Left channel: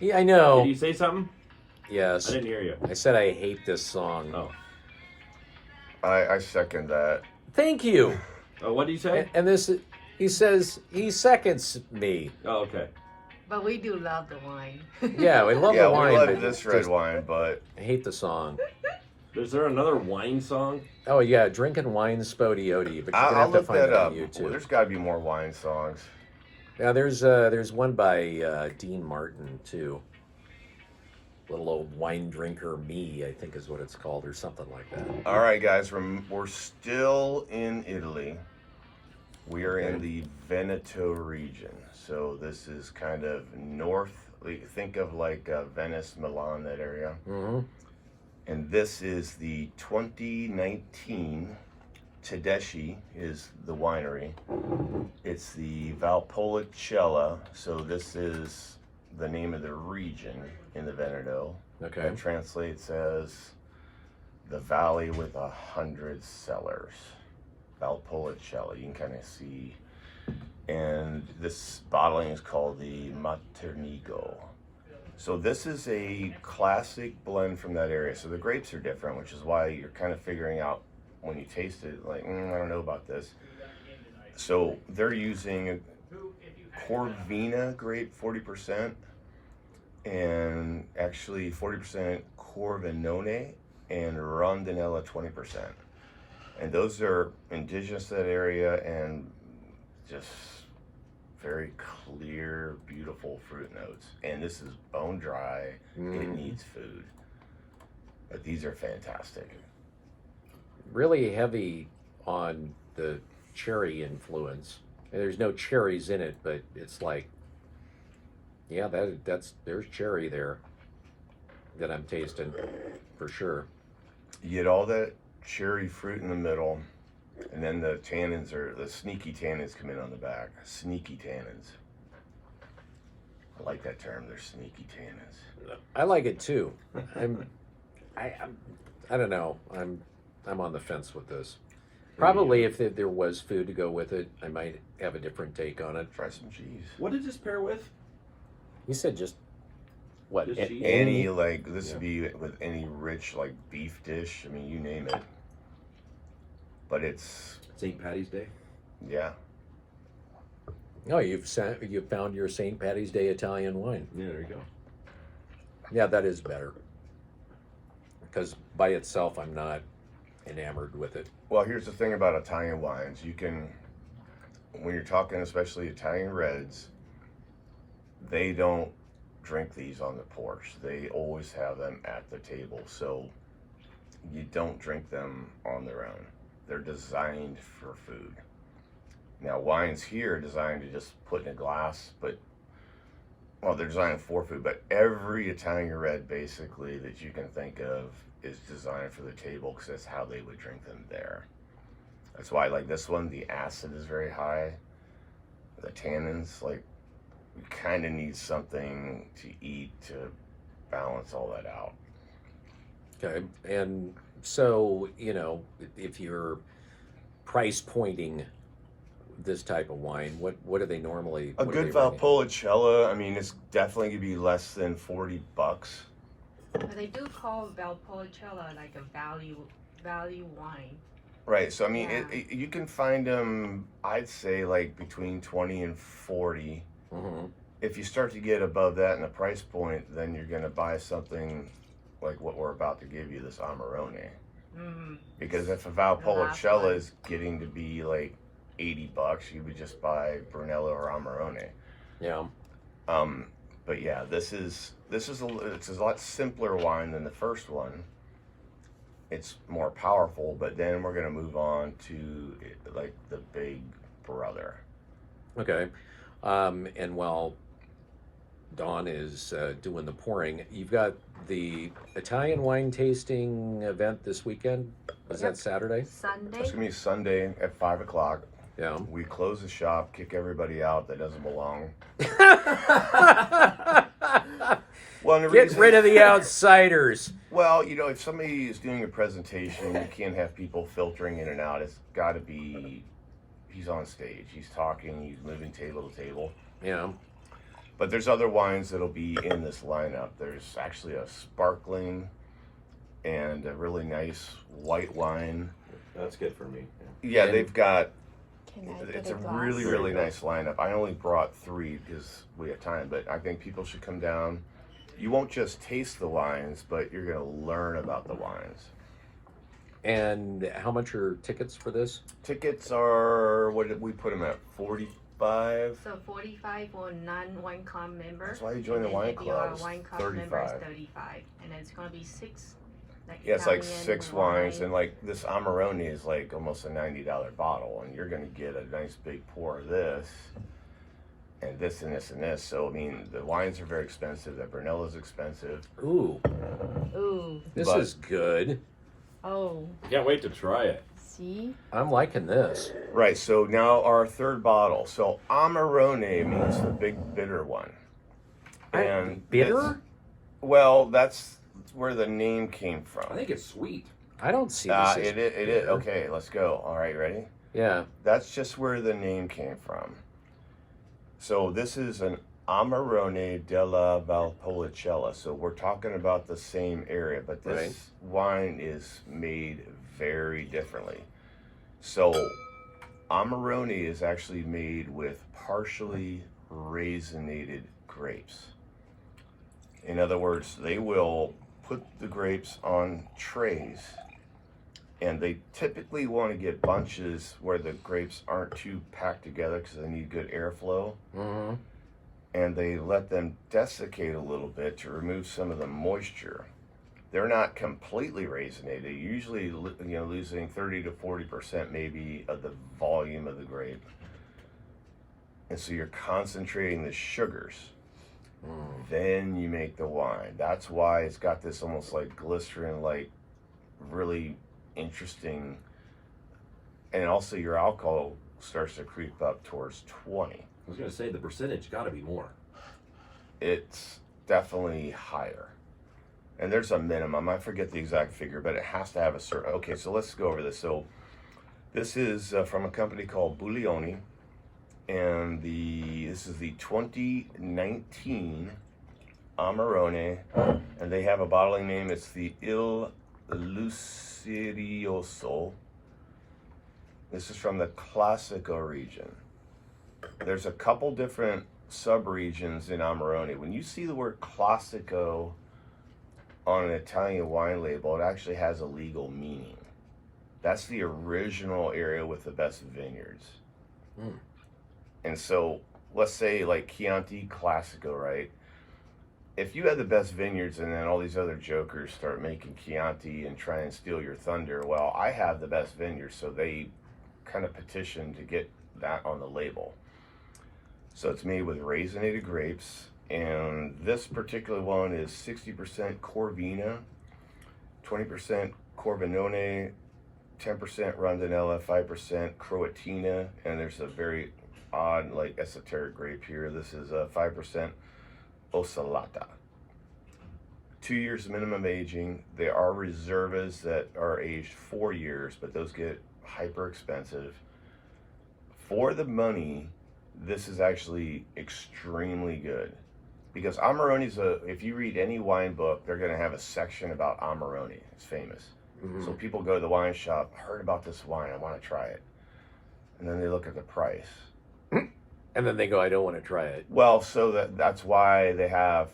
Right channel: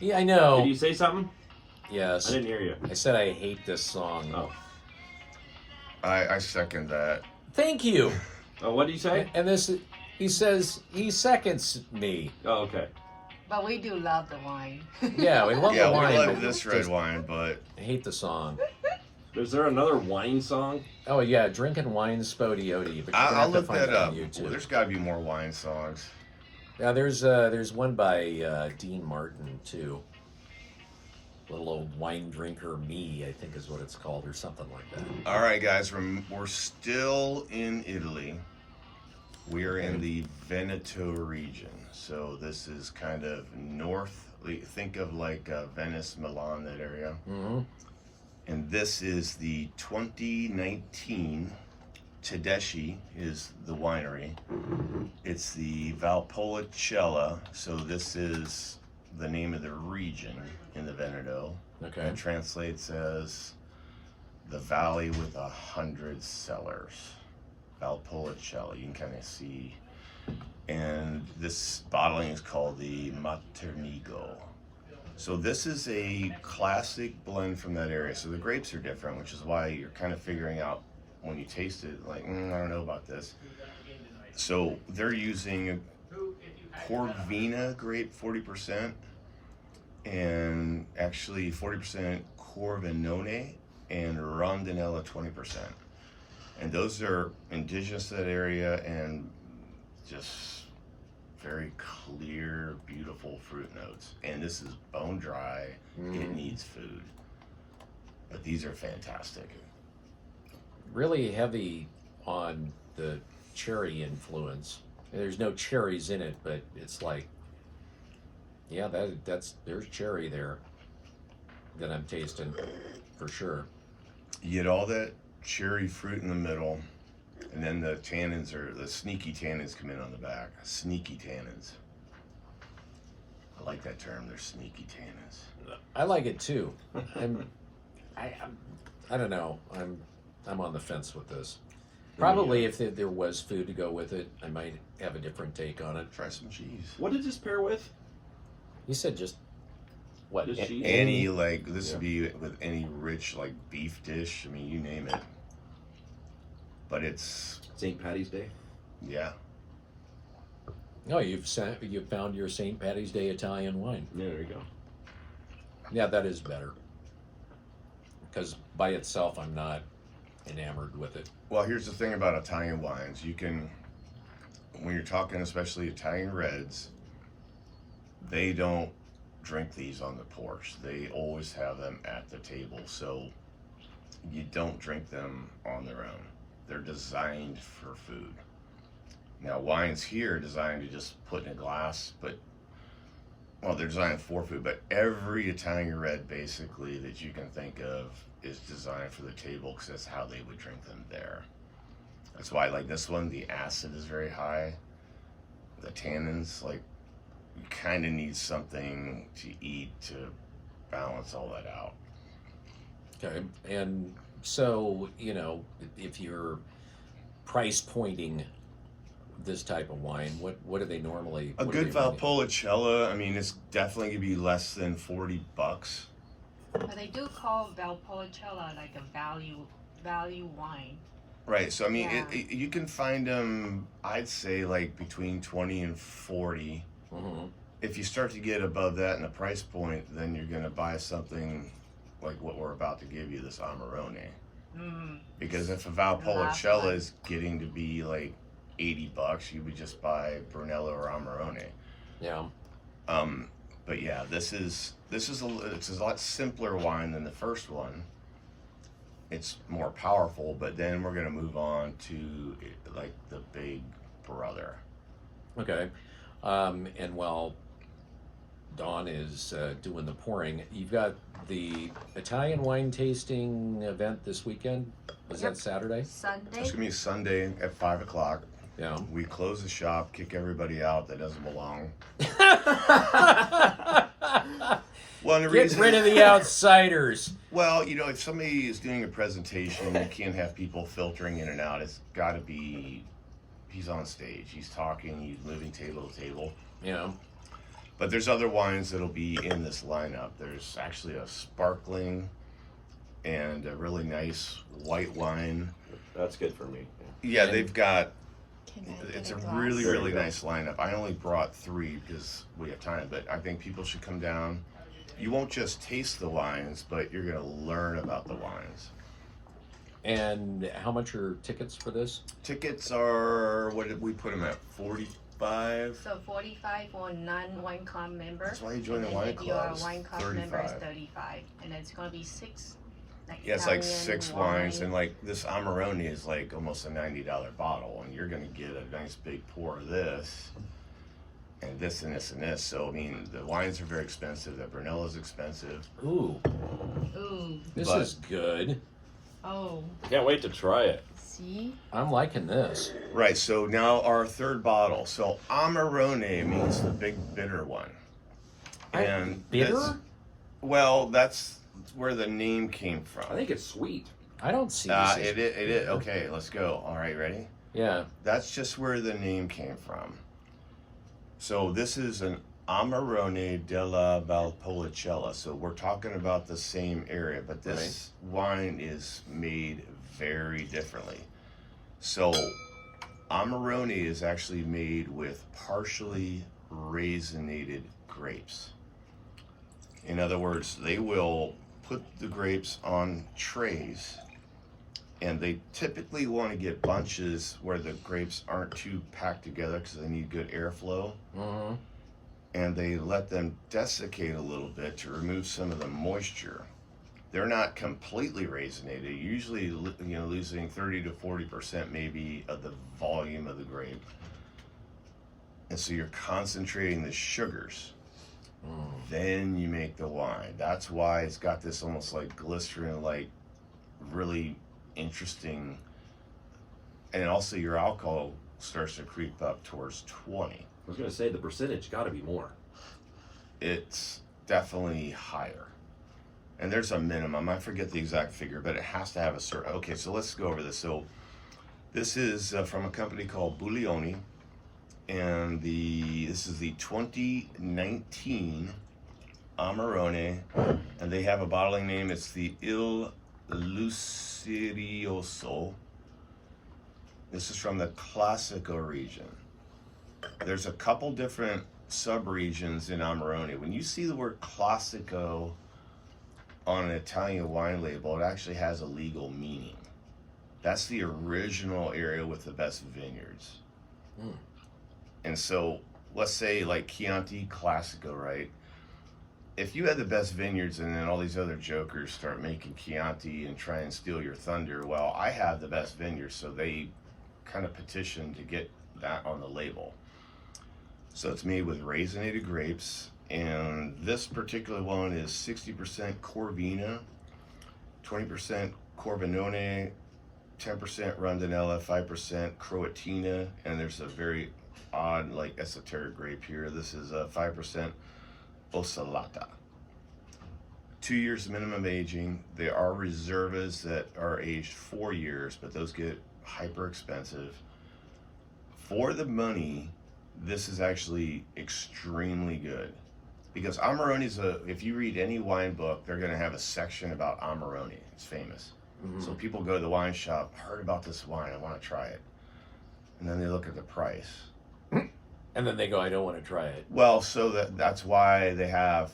Yeah, I know. Did you say something? Yes. I didn't hear you. I said I hate this song. Oh. I second that. Thank you. Oh, what did you say? And this, he says he seconds me. Oh, okay. But we do love the wine. Yeah, we love Yeah, the we wine. love but this red wine, but I hate the song. Is there another wine song? Oh yeah, drinking wine spodioti. But you're gonna I'll have to look find that it up. on YouTube. Well, there's got to be more wine songs. Yeah, there's one by Dean Martin too. Little old wine drinker me, I think is what it's called, or something like that. All right, guys, we're still in Italy. We are in the Veneto region, so this is kind of north. Think of like Venice, Milan, that area. Mm-hmm. And this is the 2019 Tedeschi is the winery. It's the Valpolicella, so this is the name of the region in the Veneto. Okay. It translates as the valley with 100 cellars. Valpolicella, you can kind of see. And this bottling is called the Maternigo. So this is a classic blend from that area. So the grapes are different, which is why you're kind of figuring out when you taste it, like, I don't know about this. So they're using Corvina grape 40%, and actually 40% Corvinone and Rondinella 20%. And those are indigenous to that area and just very clear, beautiful fruit notes. And this is bone dry. It needs food. But these are fantastic. Really heavy on the cherry influence. And there's no cherries in it, but it's like, yeah, there's cherry there that I'm tasting for sure. You get all that cherry fruit in the middle, and then the tannins the sneaky tannins come in on the back. Sneaky tannins. I like that term. They're sneaky tannins. I like it too. I don't know. I'm on the fence with this. Probably if there was food to go with it, I might have a different take on it. Try some cheese. What did this pair with? You said just what? Just cheese? Any, like, this would be with any rich, like, beef dish. I mean, you name it. But it's, St. Patty's Day. yeah. No, you've found your St. Patty's Day Italian wine. Yeah, there you go. Yeah, that is better. Because by itself, I'm not enamored with it. Well, here's the thing about Italian wines. You can, when you're talking especially Italian reds, they don't drink these on the porch. They always have them at the table. So you don't drink them on their own. They're designed for food. Now, wines here are designed to just put in a glass, but, well, they're designed for food, but every Italian red, basically, that you can think of is designed for the table because that's how they would drink them there. That's why, like this one, the acid is very high. The tannins, like, you kind of need something to eat to balance all that out. Okay, and so, if you're price pointing this type of wine, what do they normally? A good Valpolicella, I mean, it's definitely gonna be less than $40. But they do call Valpolicella like a value wine. Right, so I mean, Yeah. you can find them, I'd say, like between 20 and 40. Mm-hmm. If you start to get above that in the price point, then you're gonna buy something like what we're about to give you, this Amarone. Mm-hmm. Because if a last Valpolicella one. is getting to be like $80, you would just buy Brunello or Amarone. Yeah. But yeah, it's a lot simpler wine than the first one. It's more powerful, but then we're gonna move on to like the big brother. Okay, and while Dawn is doing the pouring, you've got the Italian wine tasting event this weekend. Is that Saturday? Sunday. It's gonna be Sunday at 5 o'clock. Yeah. We close the shop, kick everybody out that doesn't belong. Well, the Get reason, rid of the outsiders. well, if somebody is doing a presentation, you can't have people filtering in and out. It's got to be, he's on stage, he's talking, he's moving table to table. Yeah. But there's other wines that'll be in this lineup. There's actually a sparkling and a really nice white wine. That's good for me. Yeah, And- they've got, Can I get it's a a glass? really, There you really go. nice lineup. I only brought 3 because we have time, but I think people should come down. You won't just taste the wines, but you're going to learn about the wines. And how much are tickets for this? Tickets are, what did we put them at, 45? So 45 for non-wine club member. That's why you join and the then wine if you are club, a wine club member, it's 35. 35. And then it's going to be 6. Like Yeah, it's like Italian 6 wine. wines, and like this Amarone is like almost a $90 bottle, and you're gonna get a nice big pour of this, and this and this and this. So I mean, the wines are very expensive. The Brunello is expensive. Ooh, Ooh. this But- is good. Oh. Can't wait to try it. See? I'm liking this. Right. So now our third bottle. So Amarone means the big bitter one, and Bitter? this- well, that's where the name came from. I think it's sweet. I don't see this. as It is. bitter. Okay, let's go. All right, ready? Yeah. That's just where the name came from. So this is an Amarone della Valpolicella. So we're talking about the same area, but this wine is made very differently. So Amarone is actually made with partially raisinated grapes. In other words, they will put the grapes on trays, and they typically want to get bunches where the grapes aren't too packed together because they need good airflow, Mm-hmm. and they let them desiccate a little bit to remove some of the moisture. They're not completely raisinated, usually losing 30 to 40% maybe of the volume of the grape. And so you're concentrating the sugars. Then you make the wine. That's why it's got this almost like glycerin, like really interesting. And also your alcohol starts to creep up towards 20. I was going to say the percentage got to be more. It's definitely higher. And there's a minimum. I forget the exact figure, but it has to have a certain. Okay, so let's go over this. So this is from a company called Buglioni, and this is the 2019 Amarone, and they have a bottling name. It's the Il Lucirioso. This is from the Classico region. There's a couple different sub-regions in Amarone. When you see the word Classico on an Italian wine label, it actually has a legal meaning. That's the original area with the best vineyards. Mm. And so, let's say like Chianti Classico, right? If you had the best vineyards and then all these other jokers start making Chianti and try and steal your thunder, well, I have the best vineyards, so they kind of petition to get that on the label. So it's made with raisinated grapes, and this particular one is 60% Corvina, 20% Corbinone, 10% Rondinella, 5% Croatina, and there's a very odd, like esoteric grape here. This is 5% Osalata. 2 years minimum aging. There are reservas that are aged 4 years, but those get hyper expensive. For the money, this is actually extremely good. Because Amarone's if you read any wine book, they're going to have a section about Amarone. It's famous. Mm-hmm. So people go to the wine shop, heard about this wine, I want to try it. And then they look at the price. And then they go, I don't want to try it. Well, so that's why they have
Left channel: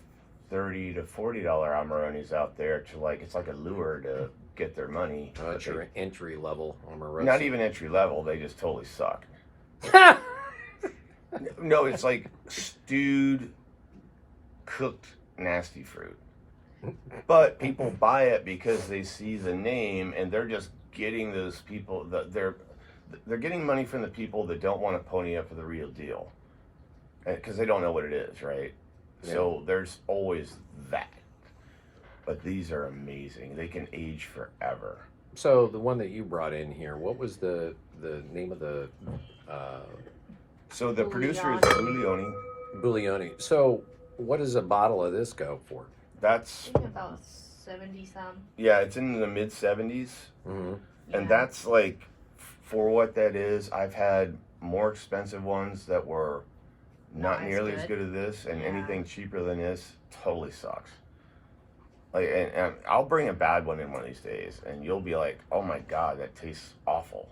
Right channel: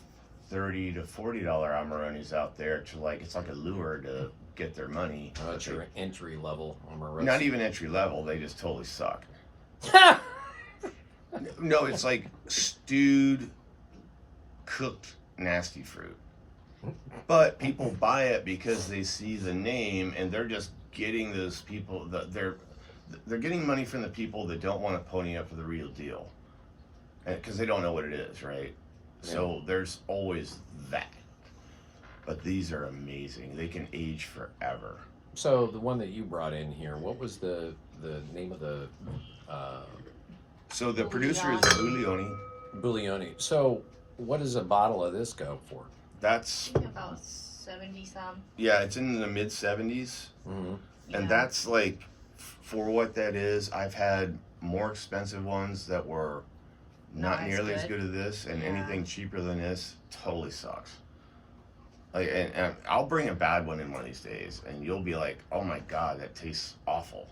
$30 to $40 Amarones out there to like, it's like a lure to get their money. That's your entry level Omarosa. Not even entry level, they just totally suck. No, it's like stewed, cooked, nasty fruit. But people buy it because they see the name, and they're just getting those people. They're getting money from the people that don't want to pony up for the real deal, because they don't know what it is, right? Yeah. So there's always that. But these are amazing. They can age forever. So the one that you brought in here, what was the name of the So the producer is Buglioni. Buglioni? So what does a bottle of this go for? That's, I think about 70 some. yeah, it's in the mid 70s. Mm-hmm. Yeah. And that's like, for what that is, I've had more expensive ones that were not as nearly as good. good as this, and Yeah. anything cheaper than this totally sucks. Like, and I'll bring a bad one in one of these days, and you'll be like, "Oh my god, that tastes awful,"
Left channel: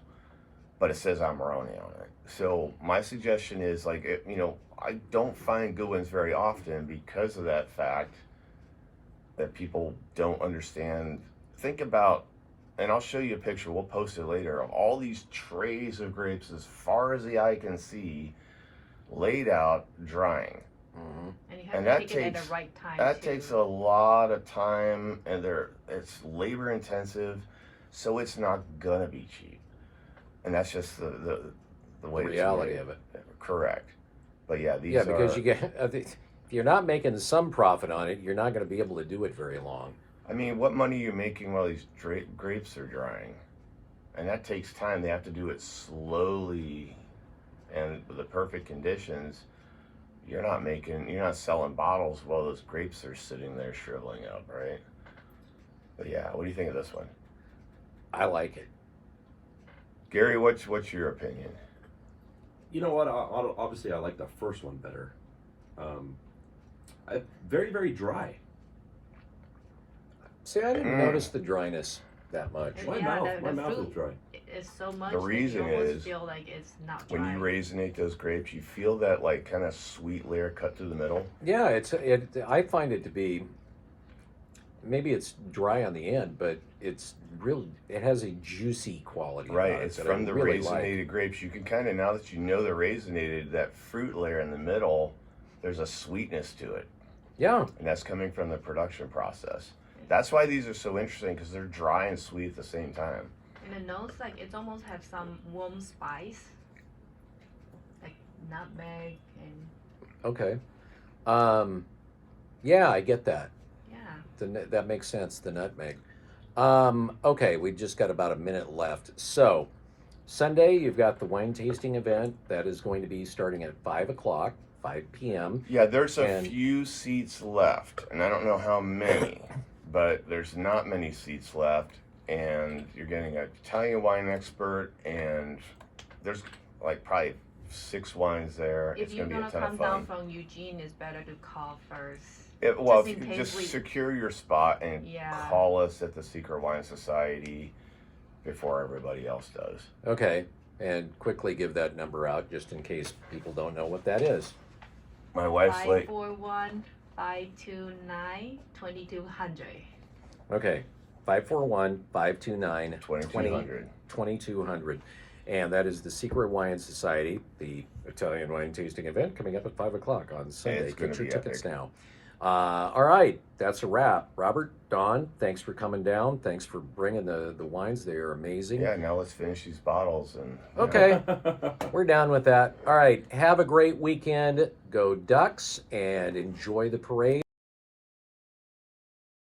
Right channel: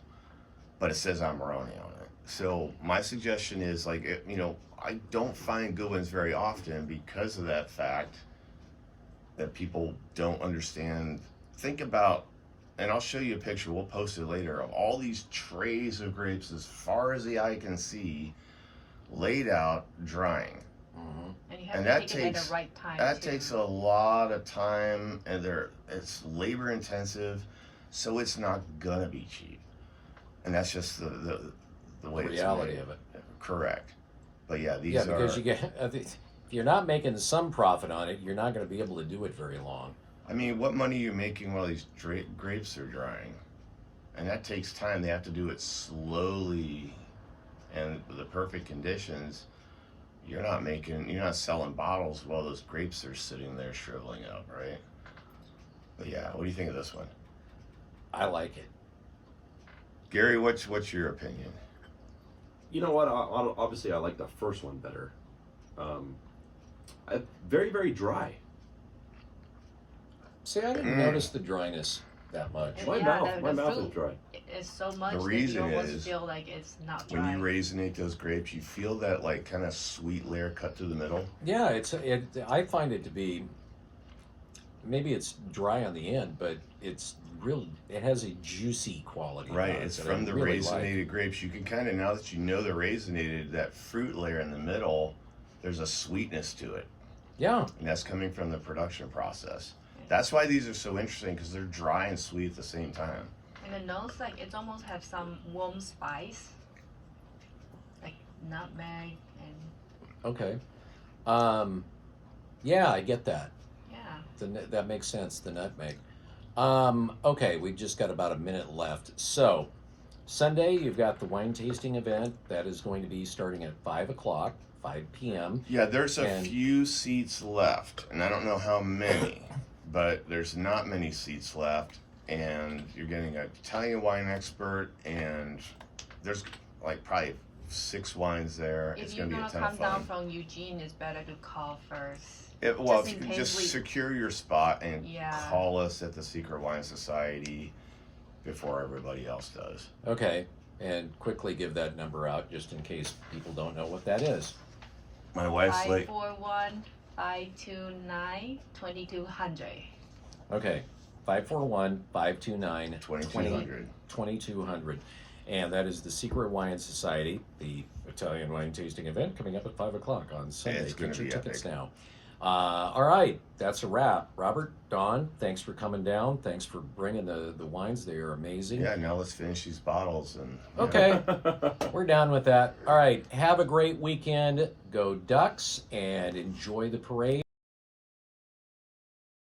but it says Amarone on it. So my suggestion is like, I don't find good ones very often because of that fact that people don't understand. Think about, and I'll show you a picture. We'll post it later of all these trays of grapes as far as the eye can see, laid out, drying. Mm-hmm. And you have And to that take it at takes- the right time. That too. takes a lot of time, and it's labor intensive, so it's not gonna be cheap. And that's just the way Reality it's of it. made. Correct. But yeah, these Yeah, because are. you get if you're not making some profit on it, you're not going to be able to do it very long. I mean, what money are you making while these grapes are drying? And that takes time. They have to do it slowly and with the perfect conditions. You're not selling bottles while those grapes are sitting there shriveling up, right? But yeah, what do you think of this one? I like it. Gary, what's your opinion? You know what? Obviously, I like the first one better. Very, very dry. See, I didn't notice the dryness that much. And My yeah, mouth, my mouth is fruit dry. is so much The that reason you almost is feel like it's not When dry. you raisinate those grapes, you feel that like kind of sweet layer cut through the middle. Yeah, I find it to be. Maybe it's dry on the end, but it's real. It has a juicy quality. Right, about it it's that from I the really raisinated like. grapes. You can kind of, now that you know they're raisinated, that fruit layer in the middle, there's a sweetness to it. Yeah, And that's coming from the production process. That's why these are so interesting, because they're dry and sweet at the same time. And the nose, like it almost has some warm spice, like nutmeg and okay. Yeah, I get that. yeah. That makes sense. The nutmeg. Okay, we've just got about a minute left. So, Sunday you've got the wine tasting event that is going to be starting at 5 p.m. Yeah, there's a And- few seats left, and I don't know how many, but there's not many seats left, and you're getting an Italian wine expert, and there's like probably 6 wines there. If It's you're gonna be a gonna ton come of down fun. from Eugene, it's better to call first. Well, just if in you case just we- secure your spot and Yeah. call us at the Secret Wine Society before everybody else does. Okay, and quickly give that number out just in case people don't know what that is. My wife's like, 541-529-2200. Okay, 541-529 2200. 2200. And that is the Secret Wine Society, the Italian wine tasting event coming up at 5 o'clock on Sunday. It's gonna Get your be tickets epic. now. All right, that's a wrap. Robert, Don, thanks for coming down. Thanks for bringing the wines. They are amazing. Yeah, now let's finish these bottles and. Okay, we're down with that. All right, have a great weekend. Go Ducks and enjoy the parade.